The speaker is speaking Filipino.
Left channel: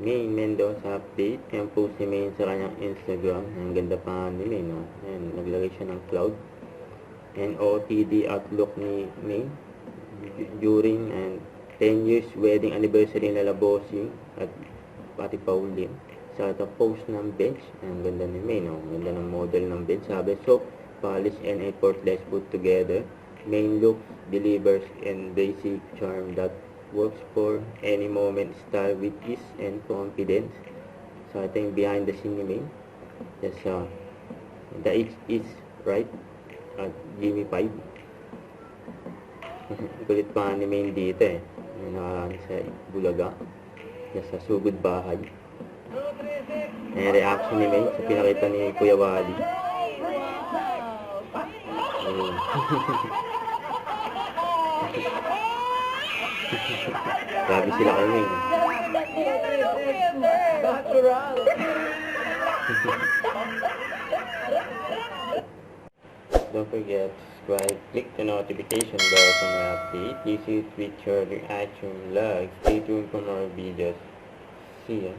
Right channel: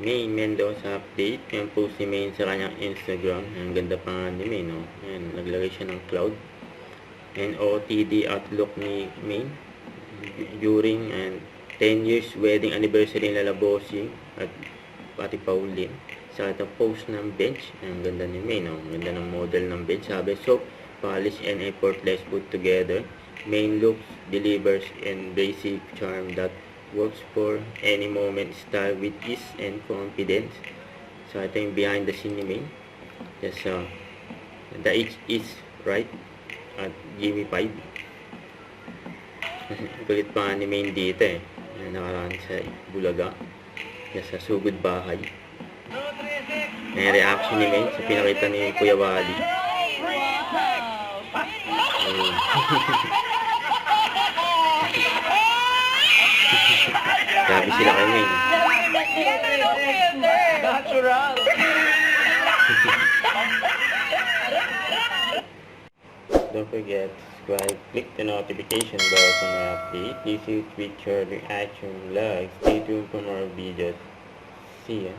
May Mendoza update. Yan post si Main sa kanyang Instagram. Ang ganda pa nga ni Main, no? Yan, naglagay siya ng cloud. And OOTD outlook ni Main during and 10 years wedding anniversary nila Bossing at pati Pauline. Sa itong post ng bench, ang ganda ni Main, no? Ang ganda ng model ng bench. Sabi, soap, polish, and effortless put together. Main looks, delivers, and basic charm that works for any moment, style with ease and confidence. So ito yung behind the scene ni Main. Yes, the H is right at Jimmy 5. Kulit pa ni Main dito eh. Nakaraan sa Bulaga. Yes, sa Sugod Bahay. May reaction ni Main sa pinakita ni Kuya Wally. Grabe sila kay Main. Natural. Don't forget to subscribe, click the notification bell for more updates. This is with your reaction vlog. Stay tuned for more videos. See ya.